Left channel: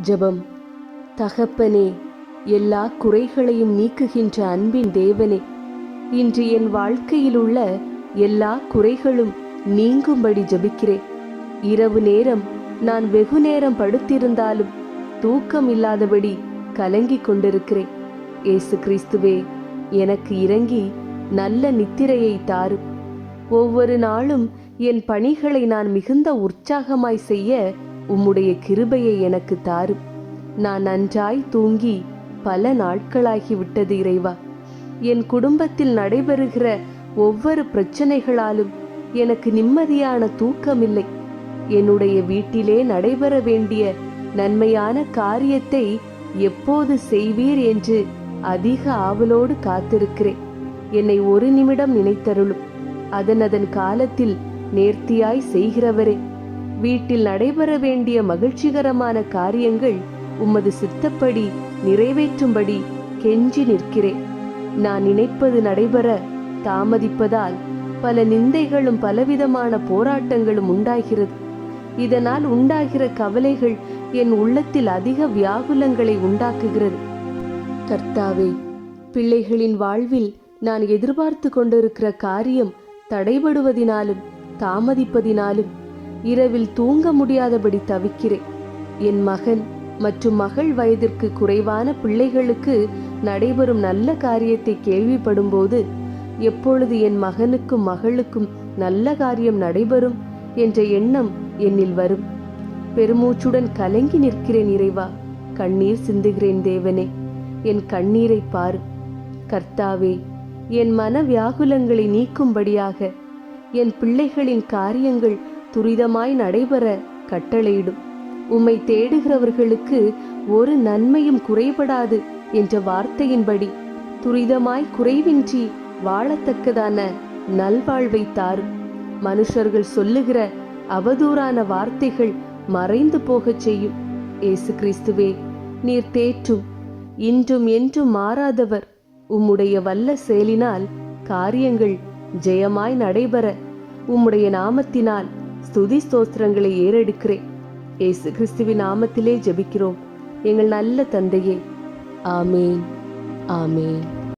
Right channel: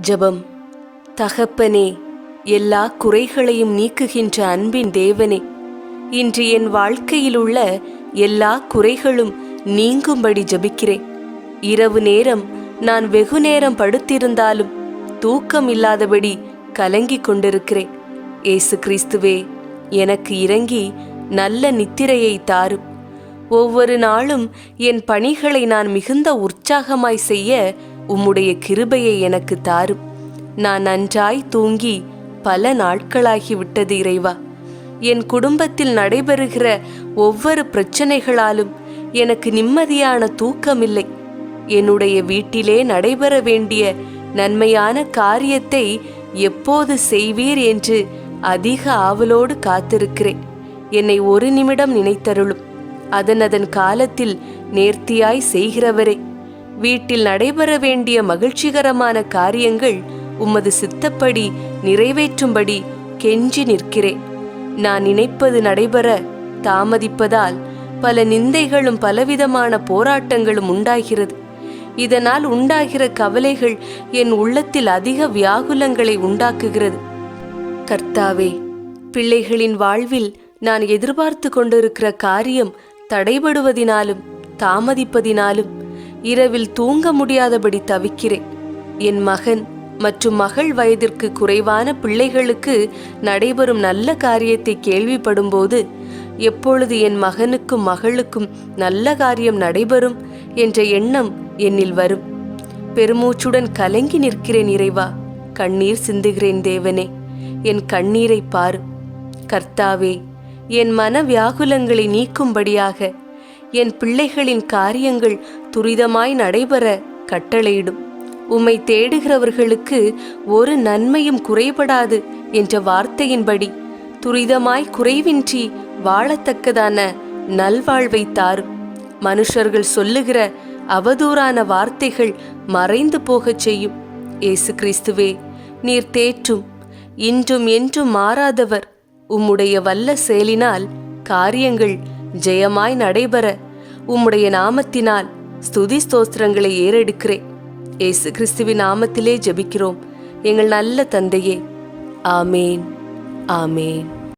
ஜபம். தகப்பனே எல்லா குறைகளையும் நீக்குகின்ற அன்பின் தேவனே இன்று என் வாழ்க்கையில் உள்ள எல்லா குறைகளும் நீங்கும்படி ஜபிக்கிறேன். இரவு நேரம் நான் வெகு நேரம் படுத்திருந்தாலும் தூக்கம் இல்லாதபடி கலங்கிக் கொண்டிருக்கிறேன். ஏசு கிறிஸ்துவே எனக்கு இறங்கி நல்ல நித்திரையை தாரும் ஒவ்வொரு நாளும் என் பணிகளை நான் மிகுந்த உற்சாகமாய் செய்ய உம்முடைய கிருபையை எனக்கு தாரும். நான் நன்றாய் தூங்கி பல நாட்களாகிவிட்டது இறைவா. என் குடும்பத்தில் நடைபெறுகிற ஒவ்வொரு பிரச்சனைகளாலும் எனக்கு நிம்மதியான தூக்கமில்லை. என்னுடைய வீட்டிலே நடைபெற வேண்டிய நன்மையான காரியத்தை எப்போது செய்வீர் என்று அதிக ஆவலோடு காத்திருக்கிறேன். என்னை ஒரு நிமிடம் நினைத்தருளும். அதன் அதன் காலத்தில் நேர்த்தியாய் செய்கிறவரே. வீட்டில் நடைபெற வேண்டிய மகிழ்ச்சிகரமான காரியங்கள் உமது சித்தப்படி நிறைவேற்றும்படி கெஞ்சி நிற்கிறேன். நான் நினைப்பது நடைபெற தாமதிப்பதால் பல நிந்தைகளும் பலவிதமான போராட்டங்களும் உண்டாகிறது. இதனால் உண்டாகிற கவலைகள் என் உள்ளத்தில் அதிக வியாகுலங்களை உண்டாக்குகிறது. கர்த்தாவே பிள்ளைகளின் வாழ்வில் நான் எதிர்பார்த்து கொண்டிருக்கிற காரியம் தடைபடுவதினாலும் தாமதிப்பதினாலும் இரவில் தூங்க முடியாதபடி தவிக்கிறேன். என் மகன் மற்றும் மகள் வயதிற்கு குறைவான பிள்ளைகளுக்கு நடைபெறும் நல்ல காரியத்தை கேள்விப்படும்போது எப்பொழுது என் மகனுக்கும் மகளுக்கும் நல்ல காரியம் நடைபெறும்? என்ற எண்ணம் என்னில் வரும். பெருமூச்சுடன் கலங்கி நிற்கிறேன் இறைவா கண்ணீர் சிந்துகிறேன் தேவனே என் கண்ணீரை பார். கர்த்தாவே என் மன வியாகுலங்களை நீக்கும்படியாக என் பிள்ளைகளின் காரியங்கள் துரிதமாய் நடைபெற கட்டளையிடும். உம்மை தேடுகிறவர்களுக்கு ஒரு நன்மையும் குறைபடாது என்ற வார்த்தையின்படி துரிதமாய் குறைவின்றி வாழத்தக்கதான நல்வாழ்வை தாரும். மனுஷர்கள் சொல்லுகிற அவதூறான வார்த்தைகள் மறைந்து போகச் செய்யும். ஏசு கிறிஸ்துவே நீர் தேற்றும். இன்றும் என்றும் மாறாதவர். உம்முடைய வல்ல செயலினால் காரியங்கள் ஜெயமாய் நடைபெற உம்முடைய நாமத்தினால் ஸ்துதி ஸ்தோத்திரங்களை ஏறெடுக்கிறேன். ஏசு கிறிஸ்துவின் நாமத்திலே ஜபிக்கிறோம். எங்கள் நல்ல தந்தையே. ஆமேன். ஆமேன்.